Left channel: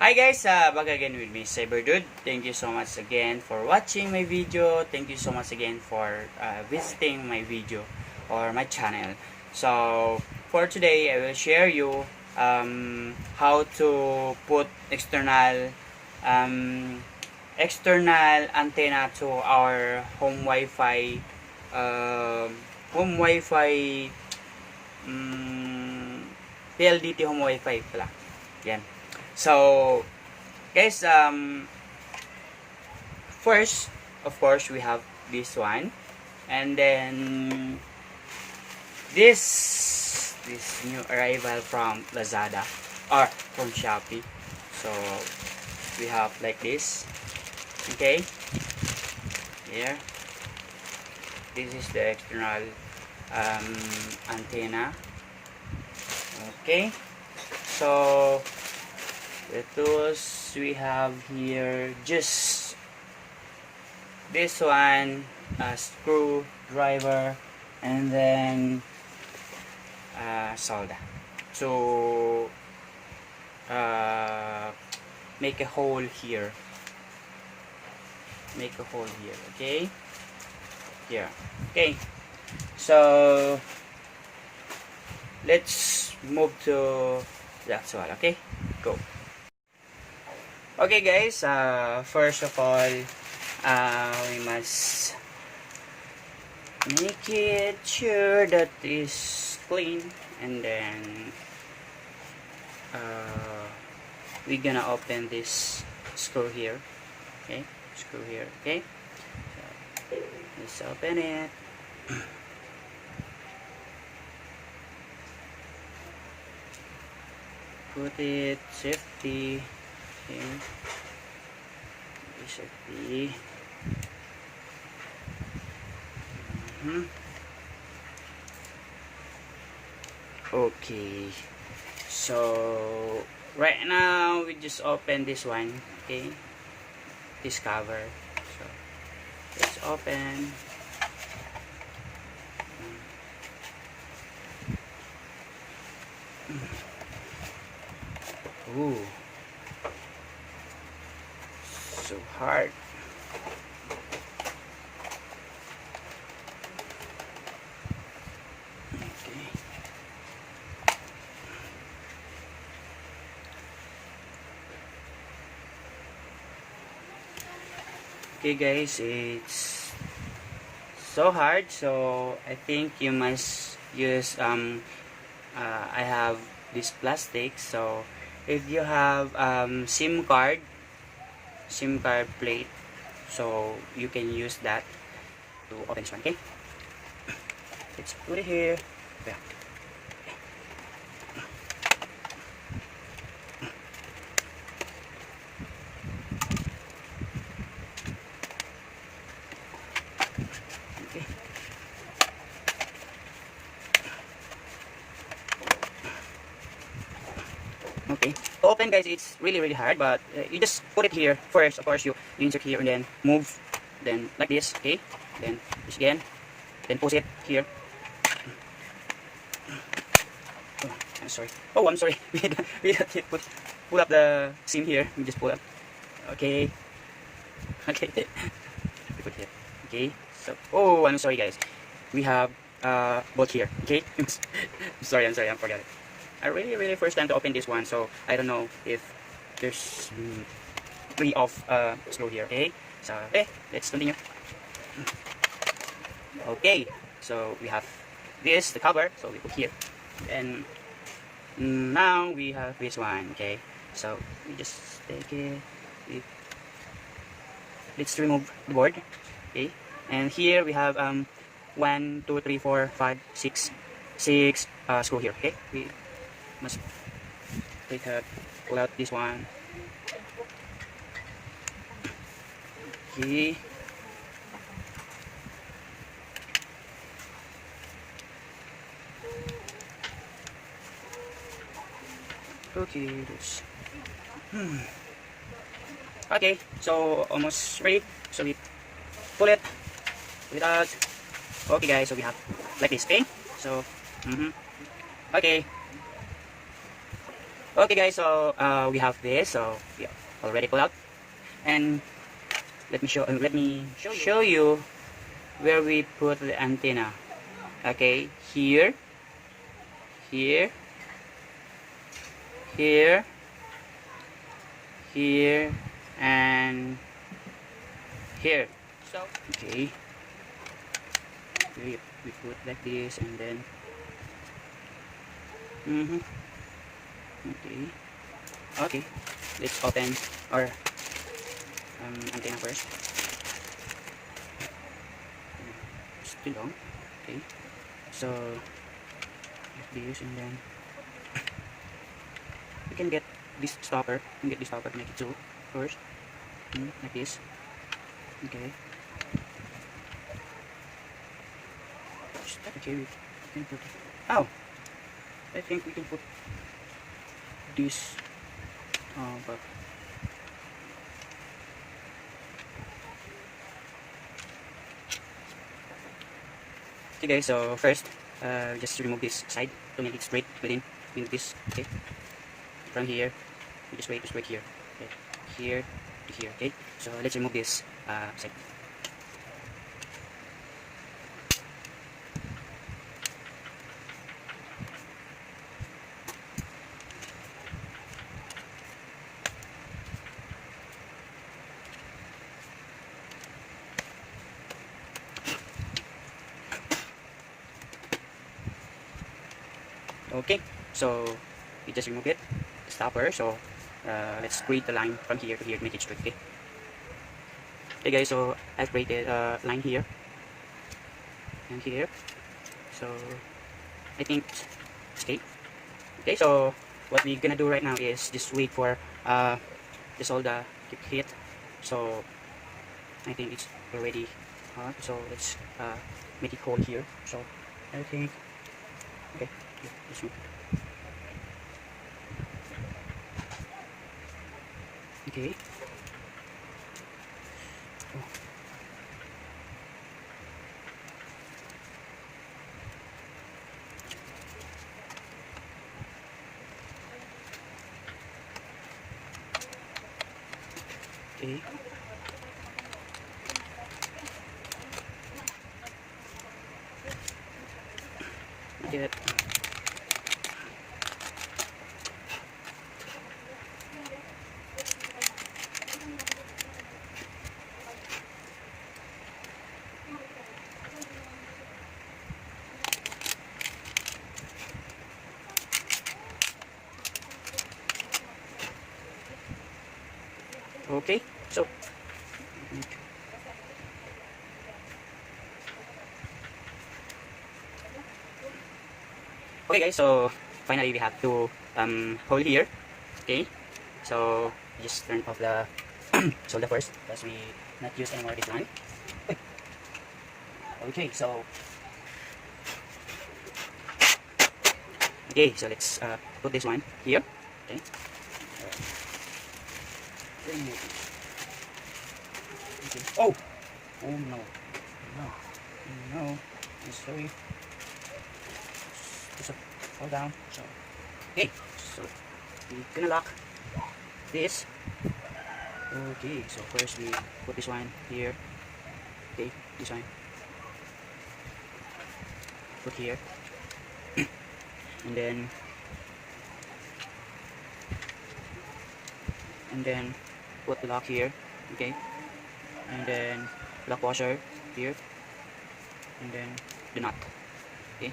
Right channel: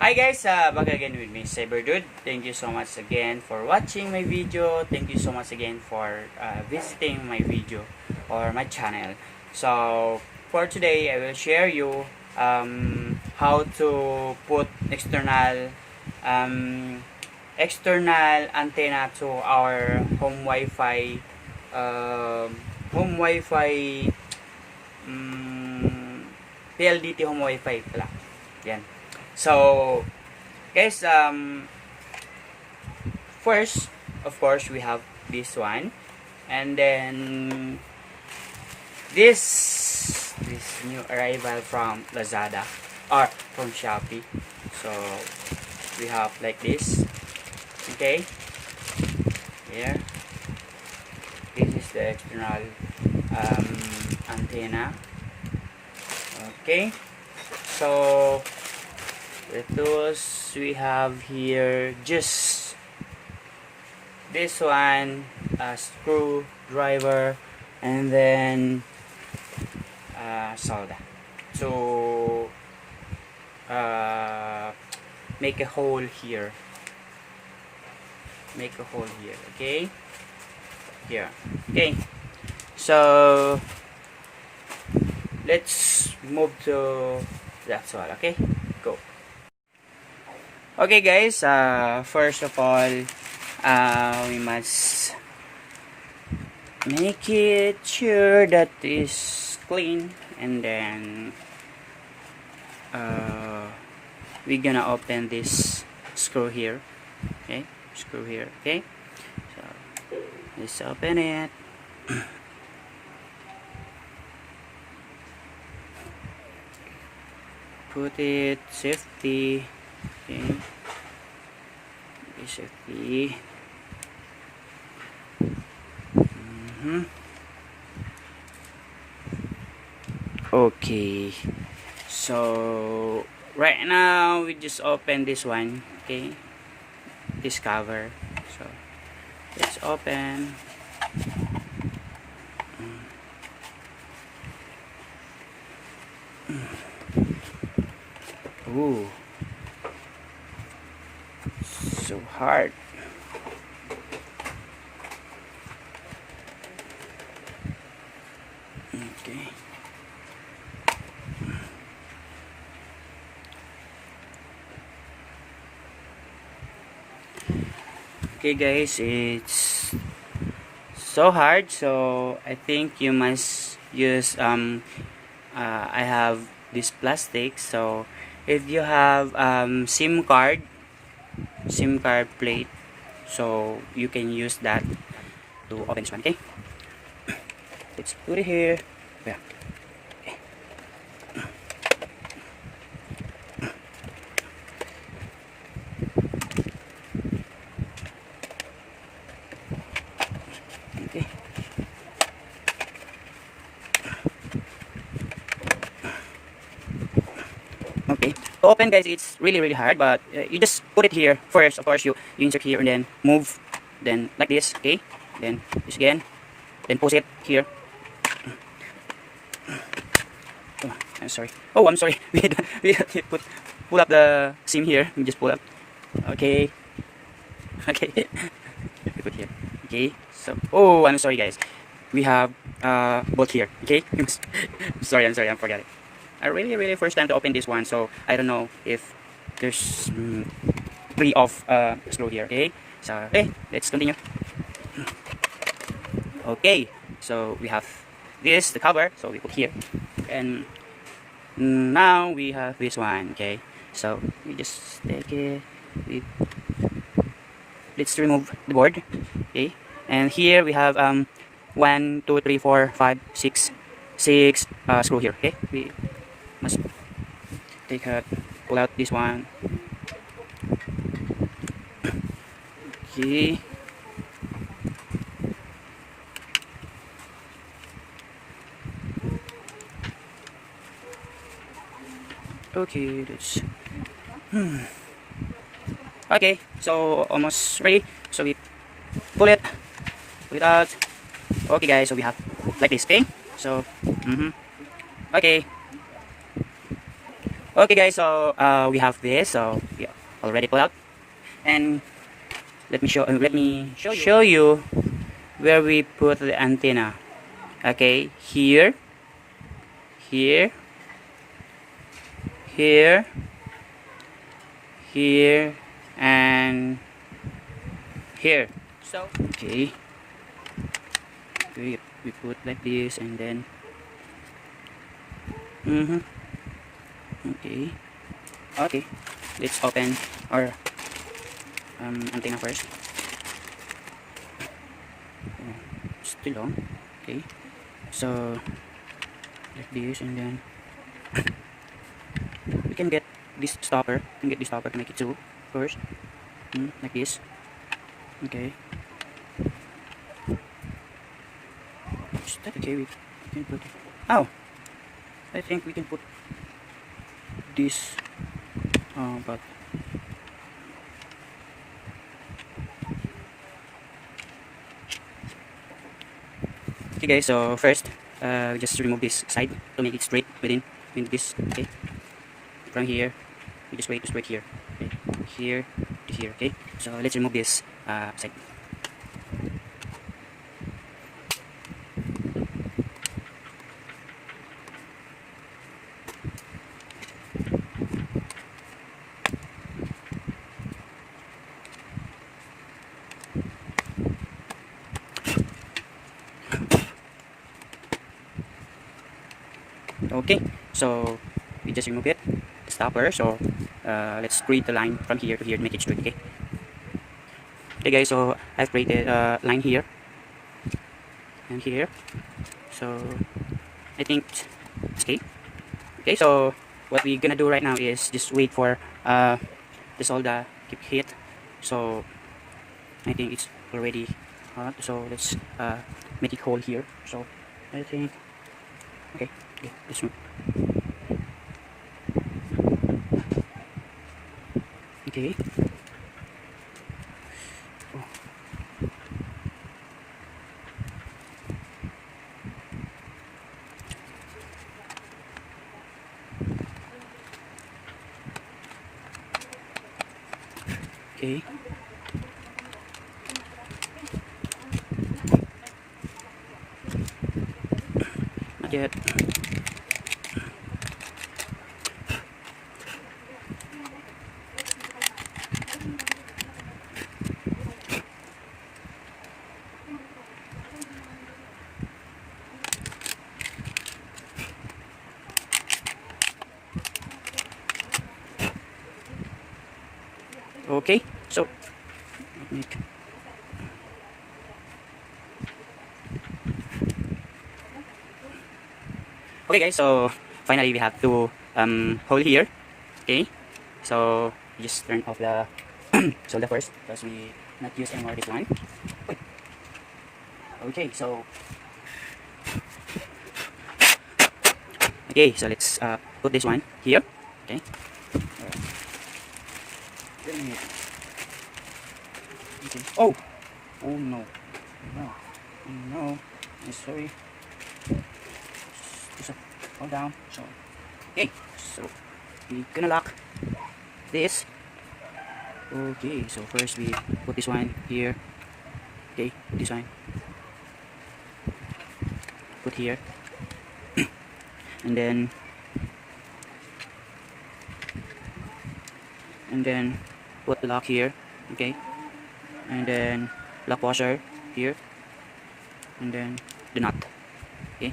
Hi guys, back again with me, Cyberdude. Thank you so much again for watching my video. Thank you so much again for visiting my video or my channel. So for today, I will share you how to put um, external antenna to our home Wi-Fi um, PLDT home Wi-Fi pala. Yan. So, guys, first, of course, we have this one, and then this new arrival from Lazada or from Shopee. So, we have like this. Okay, here. This is the external antenna. Okay, so the tools we have here, just this one, a screwdriver, and then solder to make a hole here. Okay, here. Okay, so let's move to the actual. Okay, go. Okay guys, first of all, we must make it sure that is clean, and then we're gonna open this screw here. Okay, screw here. Okay, so let's open it. Put it safety. Okay, safety. Okay, so right now we just open this one. Okay, this cover. So let's open. Ooh, so hard. Okay. Okay guys, it's so hard, so I think you must use I have this plastic, so if you have SIM card plate, so you can use that to open this one. Okay, let's put it here. Yeah. Okay. Okay, to open guys, it's really hard, but you just put it here first. Of course, you insert here and then move, then like this. Okay, then this again, then push it here. Oh, I'm sorry. Oh, I'm sorry. We pull up the seam here. We just pull up. Okay. Okay. We put here. Okay. So, oh, I'm sorry, guys. We have bolt here. Okay. sorry. I forgot it. I really first time to open this one, so I don't know if there's three of screw here. Okay. So, okay. Let's continue. Okay. So we have this, the cover. So we put here, and now we have this one. Okay, so we just take it, let's remove the board. Okay, and here we have 1 2 3 4 5 6 screw here. Okay, we must take out, pull out this one. Okay, okay, let's okay, so almost ready. So we pull it out. Okay guys, so we have like this. Okay, so okay, Okay guys, so we have this, so we already pulled out, and let me show you where we put the antenna. Okay, here, here, here, here, and here. So okay, we put like this, and then okay, okay, let's open our antenna first. Still long. Okay, so like this, and then we can get this stopper. We can get this stopper to make it two first. Like this. Okay. Is that okay? We can put. Oh, I think we can put this. But okay, guys. So first, just remove this side to make it straight within this. Okay. From here, we just wait here. Okay. Here to here. Okay. So let's remove this side. Okay, so we just remove it, the stopper. So let's create the line from here to here to make it straight. Okay. Okay guys, so I've created a line here and here. So I think it's okay. Okay, so what we're gonna do right now is just wait for this all the keep hit. So I think it's already so let's make it hold here. So I think okay, this one. Okay. Okay. Not yet. Okay, so okay guys, so finally we have to hold here. Okay, so just turn off the solder first because we not use anymore this line. Okay, so okay, so let's put this one here. Okay. Okay. Oh, oh no, no, I'm sorry. Just hold down. So okay, so we're gonna lock this. Okay, so first we put this one here. Okay, this one put here, and then put the lock here. Okay, and then lock washer here, and then the nut. Okay.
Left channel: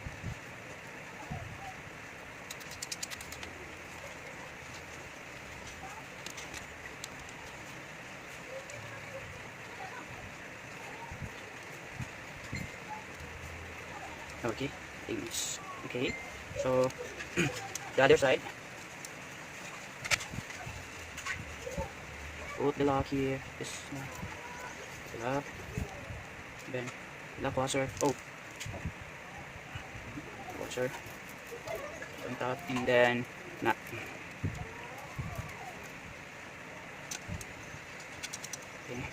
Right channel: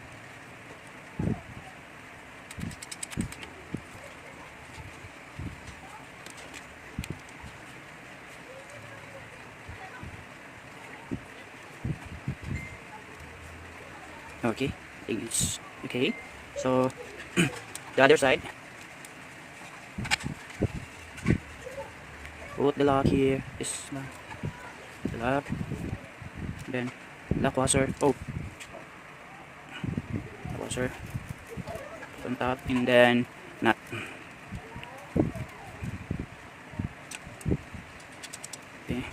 Okay, I think it's okay. So the other side, put the lock here. This one, the lock, then lock washer. Oh, washer on top, and then nut. Okay.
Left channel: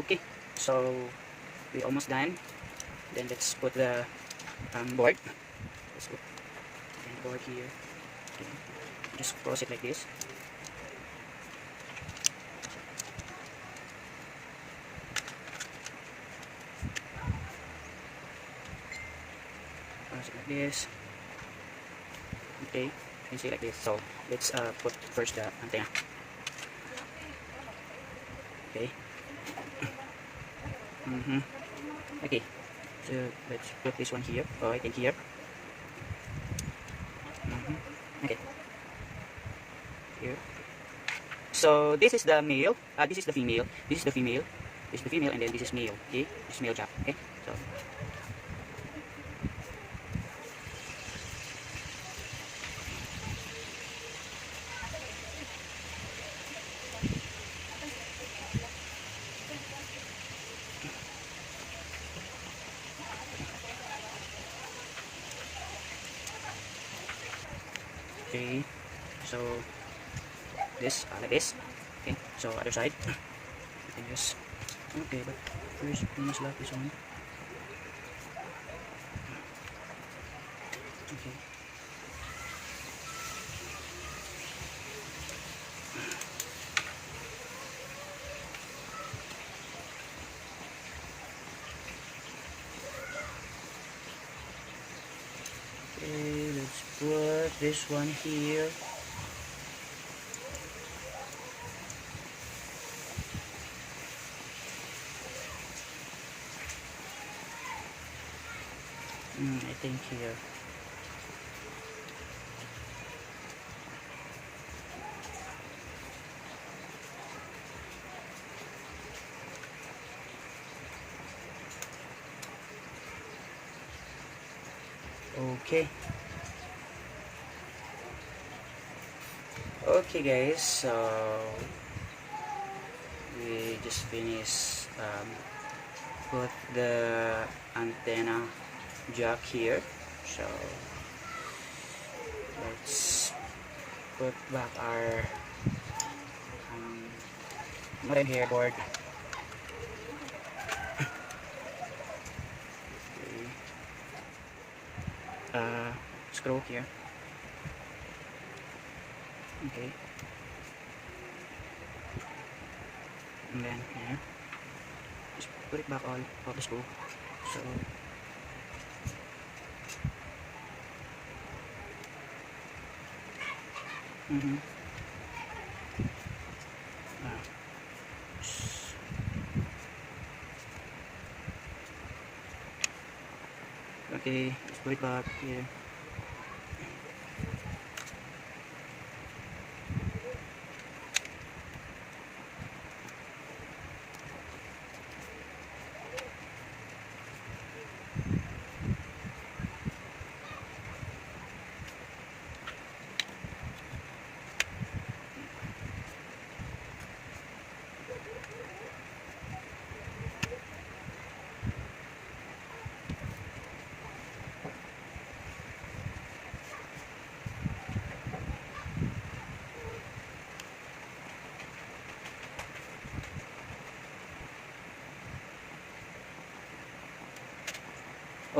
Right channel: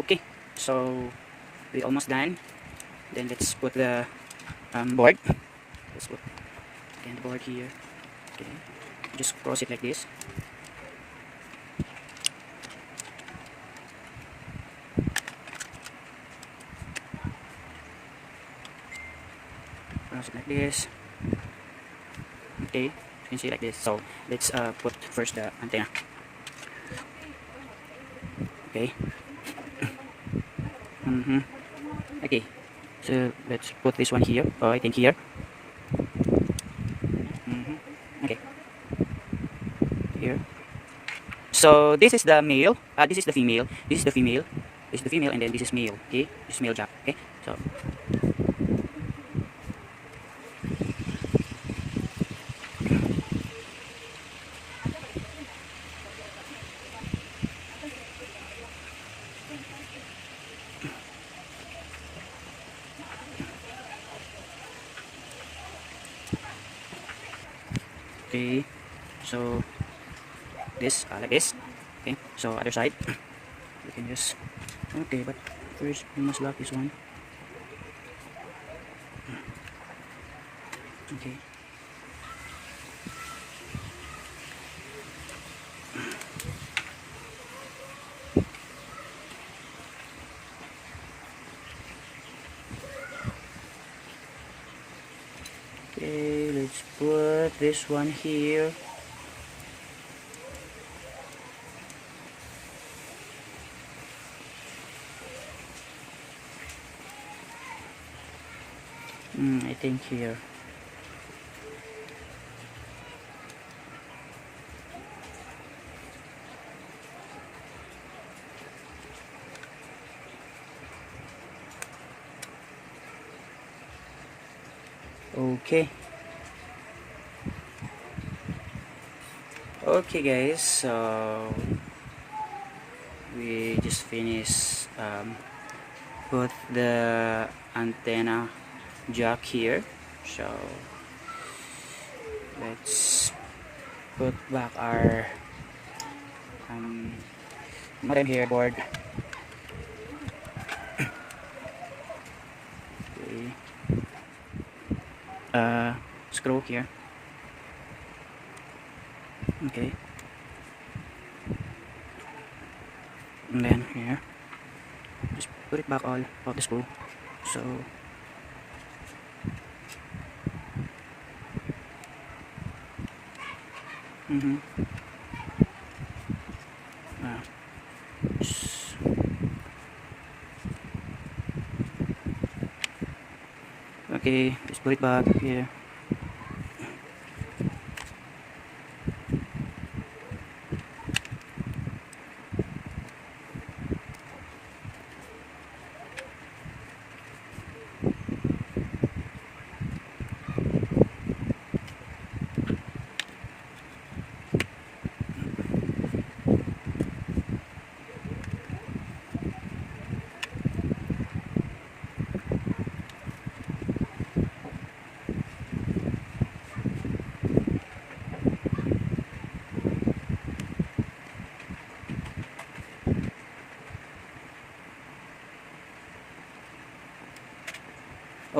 Okay, so we almost done. Then let's put the board. Let's put again the board here. Okay, just cross it like this. Cross it like this. Okay, you can see like this. So let's put first the antenna. Okay. Okay, so let's put this one here. I think here. Okay, here. So this is the male. This is the female. This is the female. This is the female, and then this is male. Okay, this is male jack. Okay, so. Okay, so this like this. Okay, so other side you can just, okay, but first we must lock this one. Okay, okay, let's put this one here. I think here. Okay. Okay guys, so we just finished put the antenna jack here. So let's put back our modem here board. Okay. Screw here. Okay, and then here just put it back all of the screw. So okay, just put it back here.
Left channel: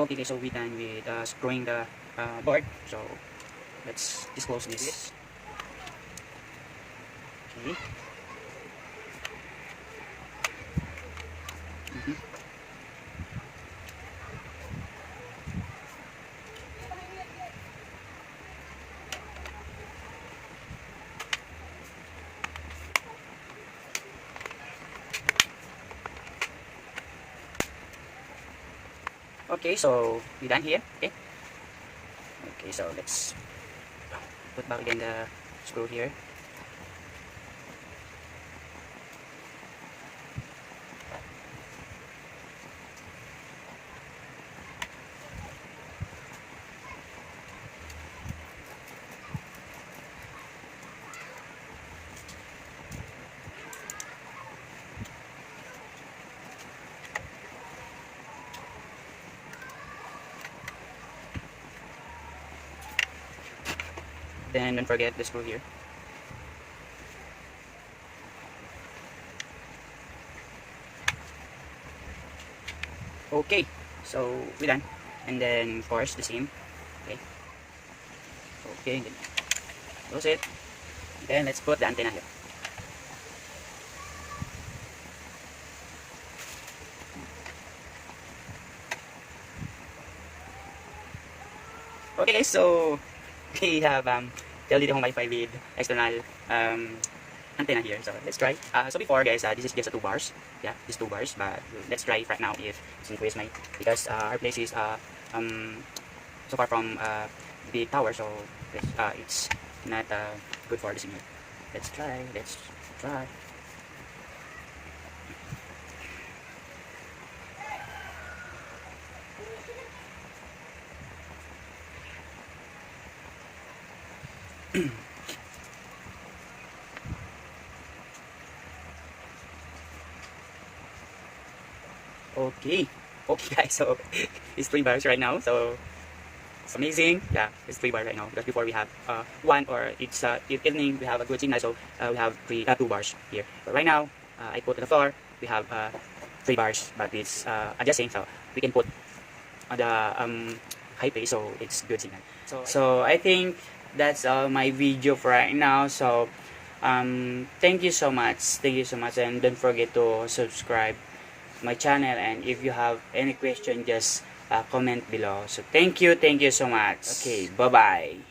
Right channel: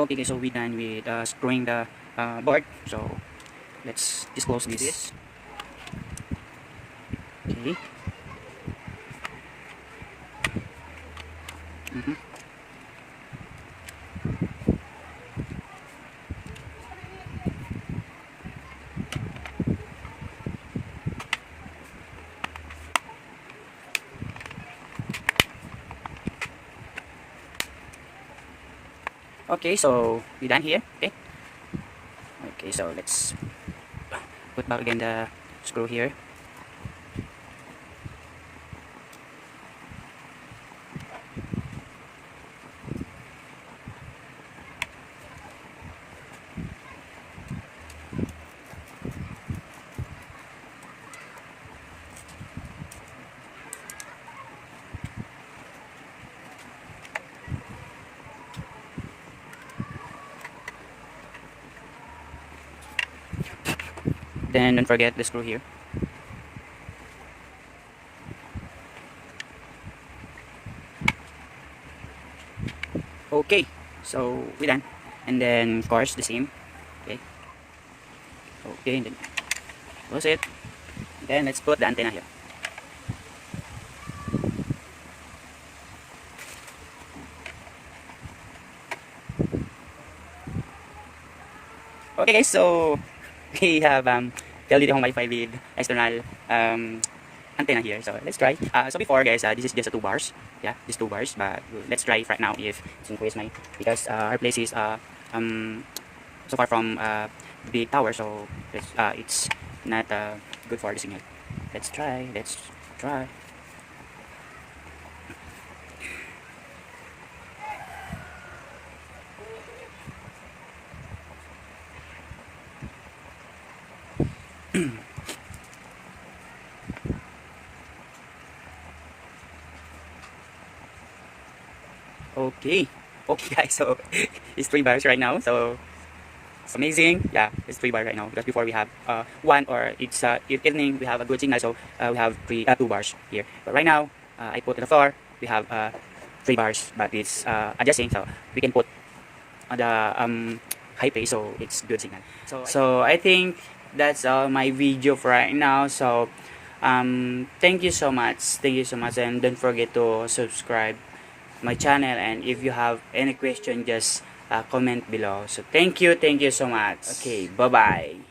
Okay guys, so we done with screwing the board. So let's disclose this. Okay. Okay, so we done here. Okay. Okay, so let's put back again the screw here. Then don't forget the screw here. Okay, so we're done. And then of course the same. Okay, and then close it. Then let's put the antenna here. Okay guys, so we have Pldt home Wi-Fi with external antenna here. So let's try. So before guys, this is just a 2 bars. Yeah, these 2 bars. But let's try right now if it's increase my, because our place is so far from the tower, so it's not good for the signal. Let's try. Let's try. Okay, guys, so it's 3 bars right now, so it's amazing. Yeah, it's 3 bars right now, because before we have 1, or it's evening we have a good signal, so we have 2 bars here. But right now I put on the floor, we have 3 bars, but it's adjusting, so we can put on the high pace, so it's good signal. So I think that's all my video for right now. So thank you so much, and don't forget to subscribe my channel, and if you have any question, just comment below. So thank you so much. Okay, bye bye.